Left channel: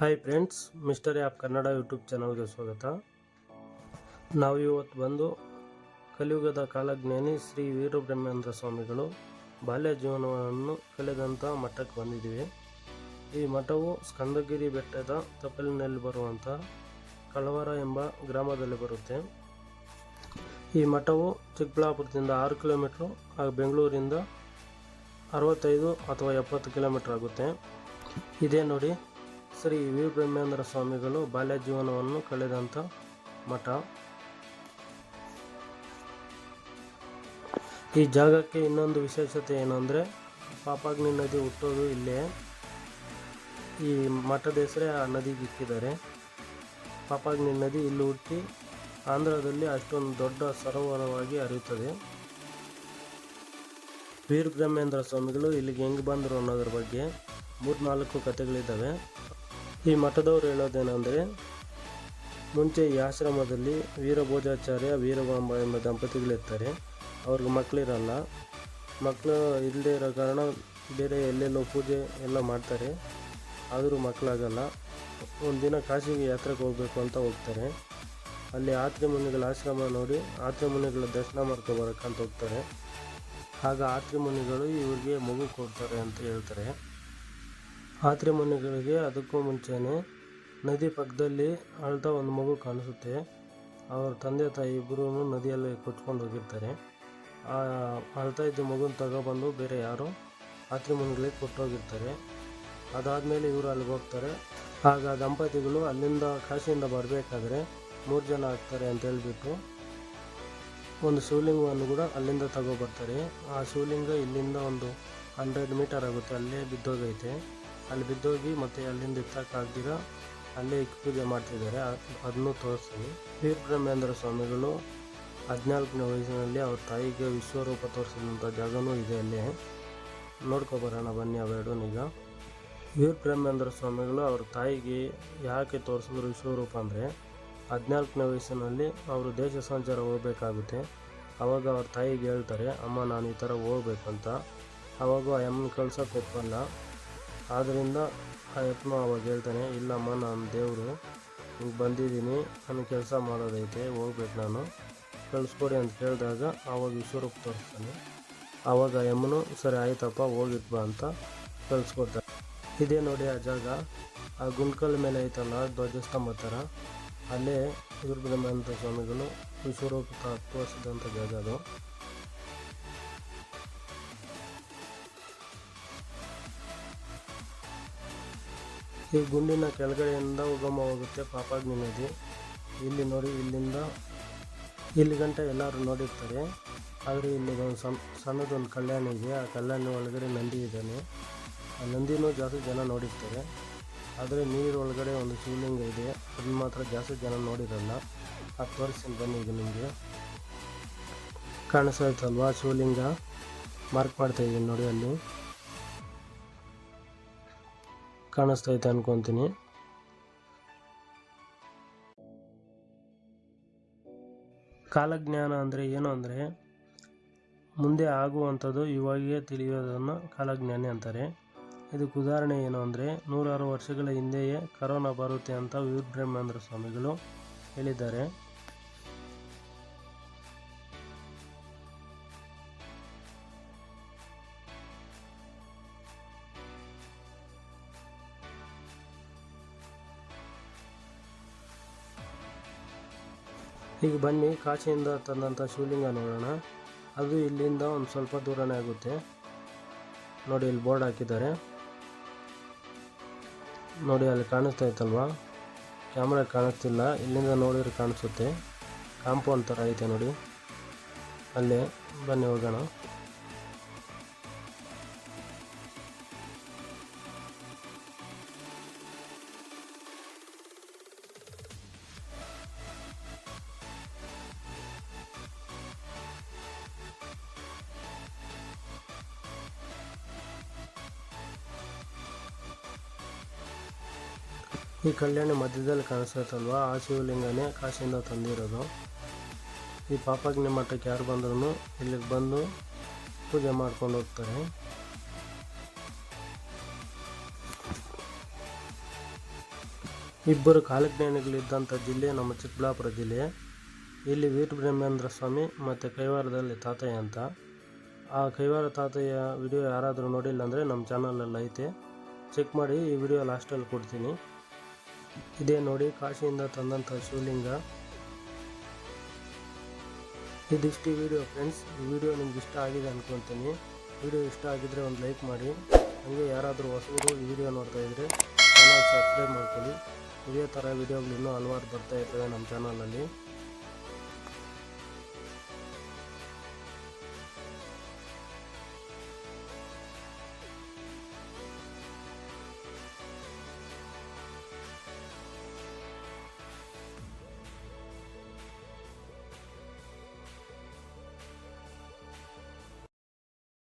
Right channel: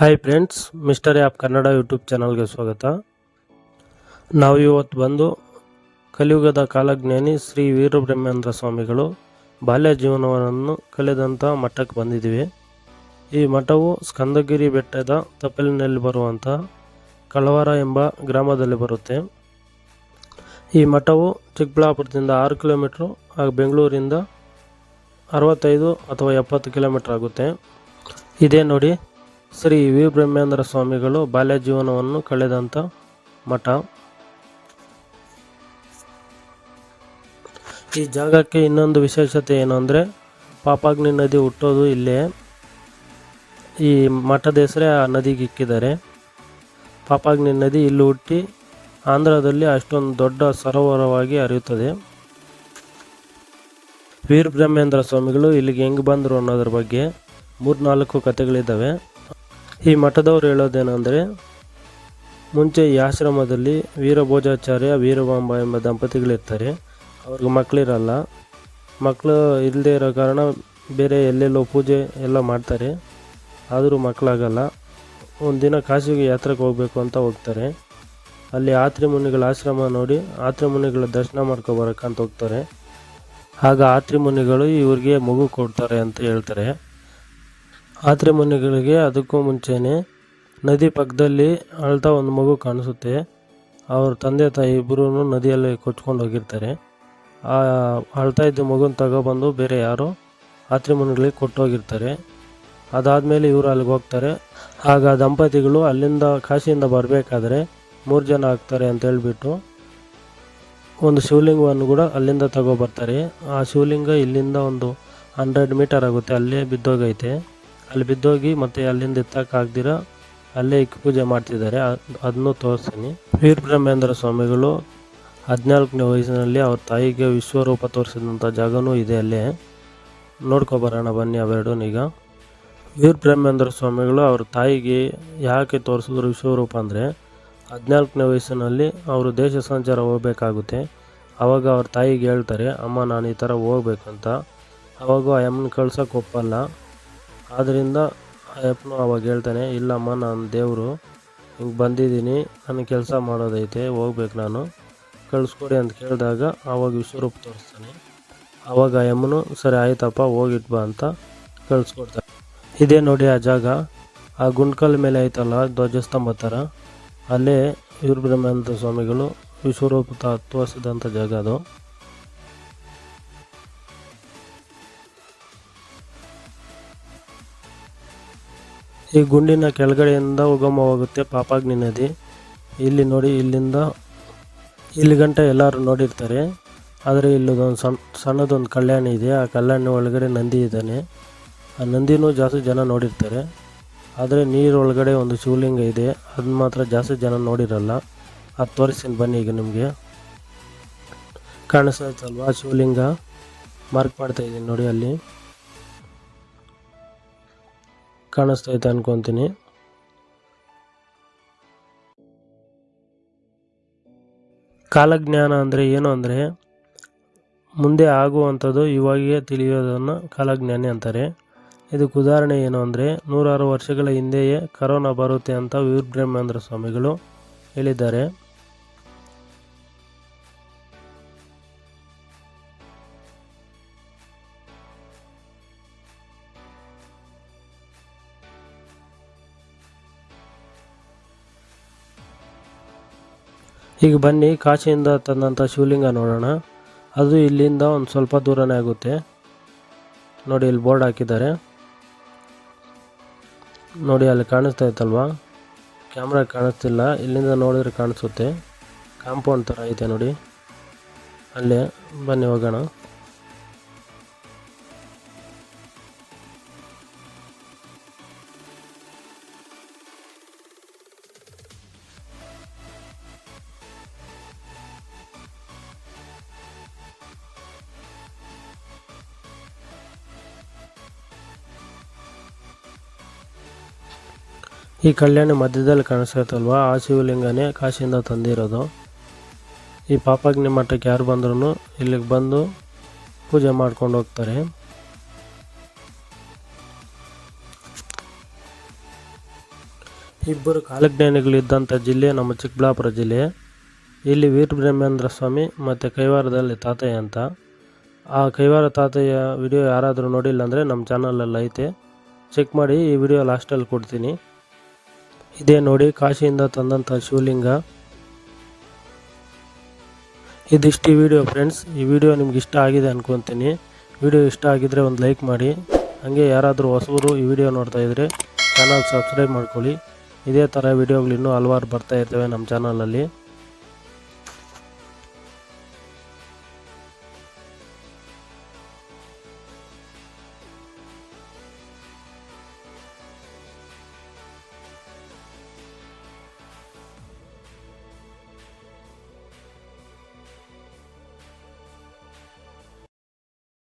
Hi friends mister app Kannada YouTube ಚಾನಲ್ಗೆ ಸ್ವಾಗತ. ನಾವು ಇವತ್ತು ಬಂದು ಕಲಿಯುಗದ ಕಾಲಜ್ಞಾನಿ ಶ್ರೀ ವೀರಬ್ರಹ್ಮೇಂದ್ರ ಸ್ವಾಮಿಗಳು ಬಾಲ್ಯ ಜೀವನವನ್ನು ಕಳೆದಂಥ ಮಠಕ್ಕೆ ಬಂದಿದ್ದೀವಿ. ಈ ಮಠವು ಸ್ಕಂದಗಿರಿ ಬೆಟ್ಟದ ತಪ್ಪಲಿನಲ್ಲಿ ಬರುವಂಥ ಕಳವಾರ ಎಂಬ ಗ್ರಾಮದಲ್ಲಿ ಬರುತ್ತೆ. ಈ ಮಠವು ಚಿಕ್ಕಬಳ್ಳಾಪುರದಿಂದ ಆರು ಕಿಲೋಮೀಟ್ರು ಹಾಗೂ ಬೆಂಗಳೂರಿಂದ ಅರವತ್ತೈದು ಅಥವಾ ಎಪ್ಪತ್ತು ಕಿಲೋಮೀಟ್ರ್ ಆಗುತ್ತೆ. ಇದೇ ನೋಡಿ ಶ್ರೀ ವಿ ಬ್ರಹ್ಮೇಂದ್ರ ಸ್ವಾಮಿಗಳು ಬಾಲ್ಯ ಜೀವನವನ್ನು ಕಳೆದಂಥ ಮಠ. ಈ ಜಾಗಕ್ಕೆ ಇನ್ನೊಂದು ವಿಶೇಷತೆ ಏನು ಅಂದರೆ ಪಾಪಾಗ್ನಿ ನದಿ ಹುಟ್ಟೋದು ಇಲ್ಲೇ. ಈ ಮಠದ ಹೆಸರೇ ಆ ನದಿಗೆ ಇಕ್ಕಿದ್ದಾರೆ. ಪಾಪಾಗ್ನಿ ನದಿ ಇಲ್ಲಿ ಹುಟ್ಟಿ ಆಂಧ್ರದಲ್ಲಿ ಅಷ್ಟೊಂದು ದೊಡ್ಡ ಸರೋವರವಾಗಿ ಹರಿಯುತ್ತದೆ. ವೀರ ಬ್ರಹ್ಮೇಂದ್ರ ಸ್ವಾಮಿಗಳು ಇಲ್ಲಿಗೆ ಹೆಂಗೆ ಬಂದರು ಅನ್ನೋದ್ರ ಬಗ್ಗೆ ಮೂರ್ನಾಲ್ಕು ಕಥೆಗಳಿದ್ದಾವೆ. ಈ ಮಠದವರು ಹೇಳೋದೇನೆಂದರೆ, ಮುಂಚೆ ಈ ಆಶ್ರಮದಲ್ಲಿ ವೀರಭೋಜಾಚಾರ್ಯ ವೀರಬಾಂಬ ಎಂಬ ದಂಪತಿಗಳಿರ್ತಾರೆ. ಅವ್ರಿಗೆ ಮಕ್ಕಳಿರಲ್ಲ. ಮಕ್ಕಳು ಇಲ್ಲದೇ ಇರೋ ಕಾರಣ ಬೇರೆ ಎಲ್ಲೆಲ್ಲೋ ಪೂಜೆ ಎಲ್ಲ ಮಾಡ್ತಾರೆ. ಆದರೂ ಮಕ್ಕಳಾಗಲ್ಲ. ಒಂದಿನ ಕಾಶಿಗೆ ಯಾತ್ರೆಗೆ ಹೋಗಬೇಕು ಅಂತ ಹೋಗ್ತಾರೆ. ಅಲ್ಲಿ ಆತ್ರಿ ಮುನಿಗಳ ಆಶ್ರಮ ನೋಡಿ ಆತ್ರಿ ಮುನಿಗಳ ದರ್ಶನ ಮಾಡ್ಕೊಬರಕ್ಕಂತ ಹೋಗ್ತಾರೆ. ಆಗ ಆತ್ರಿ ಮುನಿಗಳು ಇವ್ರಿಗೆ ಮಗು ಕೊಡ್ತಾರೆ ಅಂತ ಹೇಳ್ತಾರೆ. ಆತ್ರಿ ಮನೆಗಳಿಗೆ ಅದಕ್ಕೂ ಮುಂಚೆನೇ ನದಿ ಪಕ್ಕದಲ್ಲಿ ಅಳ್ತಾ ಒಂದು ಮಗು ಕಾಣಿಸುತ್ತೆ. ಅವ್ರ ತಂದೆ ತಾಯಿ ಇಬ್ಬರೂ ನದಿಯಲ್ಲಿ ಕೊಚ್ಕೊಂಡು ಹೋಗಿರ್ತಾರೆ. ಆ ಅಳ್ತಾ ಇದ್ದ ಮಗುನ ತಗೊಬಂದು ಬೇರೆ ಯಾರೋ ಆತ್ರೆ ಮನೆಗಳಿಗೆ ಕೊಟ್ಟು ಹೋಗಿರ್ತಾರೆ ಅದಾದಮೇಲೆ ಇವರು ಅಲ್ಲಿಗೆ ಹೋಗ್ತಾರೆ. ಆಗ ದಂಪತಿಗಳು ಅಲ್ಲಿಂದ ಕಾಶಿಯಿಂದ ಬರಬೇಕಾದ್ರೆ ಮೂರು ಜನ ಆಗ್ತಾರೆ ಅಂತ ಹೇಳ್ಬಿಟ್ಟು ಒಂದು ಶಿವಲಿಂಗವನ್ನು ಕೂಡ ಅಲ್ಲಿಂದ ತಗೊಬರ್ತಾರೆ. ಆ ಶಿವಲಿಂಗ ಇಲ್ಲಿಂದ ಒಂದು ಹಂಡ್ರೆಡ್ ಮೀಟರ್ ಆಗುತ್ತೆ. ಅಲ್ಲೇ ಬಿದ್ದೋಗೈತೆ. ಅಲ್ಲಿ ಬಿದ್ದೋಗಿ ಮತ್ತೆ ಅಲ್ಲಿಂದ ಎತ್ತಕ್ಕಾಗ್ದಿರ ಅಲ್ಲೇ ಇಕ್ ಪೂಜೆ ಮಾಡ್ತಿದ್ದಾರೆ. ಅದನ್ನು ತೋರಿಸ್ತೀನಿ ವೀರಬ್ರಹ್ಮೇಂದ್ರ ಸ್ವಾಮಿಗಳು ಹದಿನಾಲ್ಕನೇ ವಯಸ್ಸಿನಲ್ಲಿ ಅವ್ರ ತಾಯಿಗೆ ವಿಶ್ವರೂಪ ತೋರಿಸಿದಂಥ ಜಾಗನೂ ಇದೆ ಅಲ್ಲೇ. ನೋಡ್ಕೊಬರೋಣ ಬನ್ನಿ ಅವೆರಡೂ ಈಗ. ವೀರ ಬ್ರಹ್ಮೇಂದ್ರ ಸ್ವಾಮಿಗಳು ಅವ್ರ ತಾಯಿಗೆ ಯಾಕೆ ತೋರಿಸಿದ್ರು ವಿಶ್ವರೂಪ ಅಂದರೆ ಹದಿನಾಲ್ಕನೇ ವಯಸ್ಸಿನಲ್ಲಿ ಅವರು ದೇಶ ಸಂಚಾರ ಹೋಗಬೇಕಾಗುತ್ತೆ. ಆವಾಗ ಅವ್ರ ತಾಯಿಗೆ ಹೇಳ್ತಾರೆ, ಅಮ್ಮ, ನಾನು ಈ ಥರ ಹೋಗ್ಬೇಕಂತ. ಆವಾಗ ಆ ಅಮ್ಮನ ಕಳ್ಸೋಕೆ ಒಪ್ಪಲ್ಲ. ಆದ್ದರಿಂದ ಆ ಅಪ್ಪನು ಅವಾಗ ಹೇಳ್ತಾನೆ, ಇಲ್ಲಮ್ಮ, ನಾನು ದೇವರು, ಹಿಂಗೆ ಬಂದಿದ್ದೀನಿ ನನಗೆ ಕೆಲಸ ಮಾಡೋದೈತೆ, ಹೋಗ್ಬೇಕು ನಾನು, ಕಳಿಸ್ಕೊಡಿ ಅಂತ ಕೇಳಿದಾಗ ಆವಾಗ ವಿಶ್ವರೂಪ ತೋರಿಸ್ತಾನೆ. ಆವಾಗ ಆ ಅಮ್ಮನು ಸರಿ ಆಯ್ತಪ್ಪ, ಹೋಗಿಟ್ ಬಾ ಅಂತ ಕಳಿಸ್ಕೊಡ್ತಾರೆ ಇದೇ ನೋಡಿ ಆ ಜಾಗ, ಆ ಗುಂಡ್ಕಲ್ ಮೇಲೆ ಐತಲ್ಲ, ಧ್ವಜಸ್ತಂಭ ಥರ ಅಲ್ಲೇ ಇವ್ರ ಬ್ರಹ್ಮಾನಂದ ಸ್ವಾಮಿಗಳು ವಿಶ್ವರೂಪ ತೋರಿಸಿದಂಥ ಜಾಗ ಅದು. ಈ ಗುಂಡಿನ ಕೆಳಗಡೆಯಿಂದ ಉಗಮವಾಗುತ್ತೆ ಪಾಪಾಗ್ನಿ ನದಿ. ಇಲ್ಲಿ ನೋಡಿ, ಇಲ್ಲಿಂದ ಇಲ್ಲಿ ಗಂಟ ಎಲ್ಲರೂ ನೋಡಿರ್ತಾರೆ. ಆದರೆ ಇಲ್ಲದೊಂದು ಸಣ್ಣ ಸಣ್ಣದೊಂದು ಕಲ್ಯಾಣಿ ಇದೆ. ಆ ಕಲ್ಯಾಣಿ ಒಳಗಡೆ ನಂದಿ ಇದ್ದಾನೆ. ಆ ನಂದಿನೂ ಜಾಸ್ತಿ ಜನ ನೋಡಿರ್ತಾರೆ. ಆದರೆ ನೀರು ಒಳಗಡೆ ಒಂದು ಶಿವಲಿಂಗ ಇದೆ. ಅದನ್ನ ಮಾತ್ರ ಜಾಸ್ತಿ ಜನ ನೋಡಿರಲ್ಲ. ಅದು ತೋರಿಸ್ತೀನಿ ಬನ್ನಿ ಈಗ ನಿಮಗೆ. ಕಾಣಿಸ್ತಾ ಆ ಶಿವಲಿಂಗ ಮಾರ್ಕ್ ಮಾಡ್ತಾ ಇದ್ದೀನಿ ನೋಡಿ ಅಲ್ಲಿ. ಕಾಣಿಸ್ತೈತೆ ಅನ್ಕೊತೀನಿ. ಕಾಲಜ್ಞಾನ ಅಂದರೆ ಏನು ಅಂದರೆ ಮುಂದೆ ಆಗುವಂಥದ್ದು ಇವಾಗೇ ತಿಳಿಯೋದನ್ನು ಕಾಲಜ್ಞಾನಿ ಅಂತಾರೆ. ಇದಕ್ಕೆ ಉದಾಹರಣೆ ಏನು ಅಂದರೆ ನೂರಾರು ವರ್ಷಗಳ ಹಿಂದೆಯೇ ಕರೋನಾ ಬರುತ್ತೆ ಅಂತ ವೀರಬ್ರಹ್ಮೇಂದ್ರ ಸ್ವಾಮಿಗಳು ಹೇಳಿದ್ದಾರೆ. ಈಗ ಬನ್ನಿ, ಕಾಶಿಯಿಂದ ತಂದಂಥ ಶಿವಲಿಂಗ ನೋಡೋಣ. ಅದು ಇಲ್ಲಿಂದ ಒಂದು ಸ್ವಲ್ಪ ದೂರನೇ ಆಗುತ್ತೆ. ನೋಡಿ, ಇಲ್ಲಿ ಬೋರ್ಡ್ ಹಾಕಿದ್ದಾರೆ. ನೋಡಿ, ಅಲ್ಲಿ ಕಾಣಿಸ್ತಾ ಇತ್ತಲ್ವಾ? ಕ್ಯಾಮ್ರಾ ಕಾಣಿಸ್ತಿಲ್ಲ. ಇಲ್ಲಿಂದ ನೋಡಿದ್ರೆ ಕಾಣಿಸುತ್ತೆ. ಕಾಂಪೌಂಡ್ ಥರ ಐತೆ ನೋಡಿ. ಅಲ್ಲೇ, ಬನ್ನಿ ಹೋಗೋಣ. ಈ ಕಲ್ಯಾಣಿ ಮಧ್ಯದಲ್ಲಿ ಕಾಣಿಸ್ತೈತಲ್ವಾ? ಆ ಶಿವಲಿಂಗನೇ ಕಾಶಿಯಿಂದ ತಂದಿರೋದು. ಈ ಪಾಪಾಗ್ನಿ ಮಠಕ್ಕೆ ಯಾರು ಬಂದ್ರೂ ಇಲ್ಲಿಗೆ ಬಂದು ಪೂಜೆ ಮಾಡ್ಕೊಂಡು ಹೋಗ್ತಾರೆ. ಇಬ್ಬರು ಕಾಲಜ್ಞಾನಿಗಳಿದ್ದಂಥ ಜಿಲ್ಲೆ ನಮ್ಮ ಚಿಕ್ಕಬಳ್ಳಾಪುರ ಜಿಲ್ಲೆ. ಇಲ್ಲಿ ವೀರಬ್ರಹ್ಮೇಂದ್ರ ಸ್ವಾಮಿ ಮತ್ತು ಕೈವಾರದಲ್ಲಿ ತಾತಯ್ಯ ಅಂತ. ಆ ಕೈವಾರ ತಾತಯ್ಯ ವಿಡಿಯೋ ಯಾರಾದರೂ ನೋಡಿಲ್ಲ ಅಂದರೆ ನಮ್ಮ ಚಾನಲಲ್ಲಿ ಐತೆ ಚೆಕ್ ಮಾಡಿ ಈ ವಿಡಿಯೋ ಲಾಸ್ಟಲ್ಲಿ ಕೊಡ್ತೀನಿ. ಇದೇ ನೋಡಿ, ಕಾಶಿಯಿಂದ ತಂದಂಥ ಶಿವಲಿಂಗ. ಇದಿಷ್ಟು ವಿಡಿಯೋ ಫ್ರೆಂಡ್ಸ್ ಈ ವಿಡಿಯೋ ನಿಮ್ಗೆ ಇಷ್ಟ ಆಗಿದೆ ಅನ್ಕೊತೀನಿ. ವಿಡಿಯೋ ಇಷ್ಟ ಆಗಿದ್ದರೆ ಒಂದು ಲೈಕ್ ಮಾಡಿ. ಹಾಗೆ ಯಾರಾದರೂ ಹೊಸಬರು ಈ ವಿಡಿಯೋ ನೋಡ್ತಾ ಇದ್ದರೆ ಚಾನಲ್ ಸಬ್ಸ್ಕ್ರೈಬ್ ಮಾಡ್ಕೊಳ್ಳಿ. ಇದೇ ಥರ ವಿಡಿಯೋಗಳು ಇನ್ನೂ ಹಲವಾರು ಬರ್ತಾ ಇರ್ತವೆ ನಮ್ಮ ಚಾನಲಲ್ಲಿ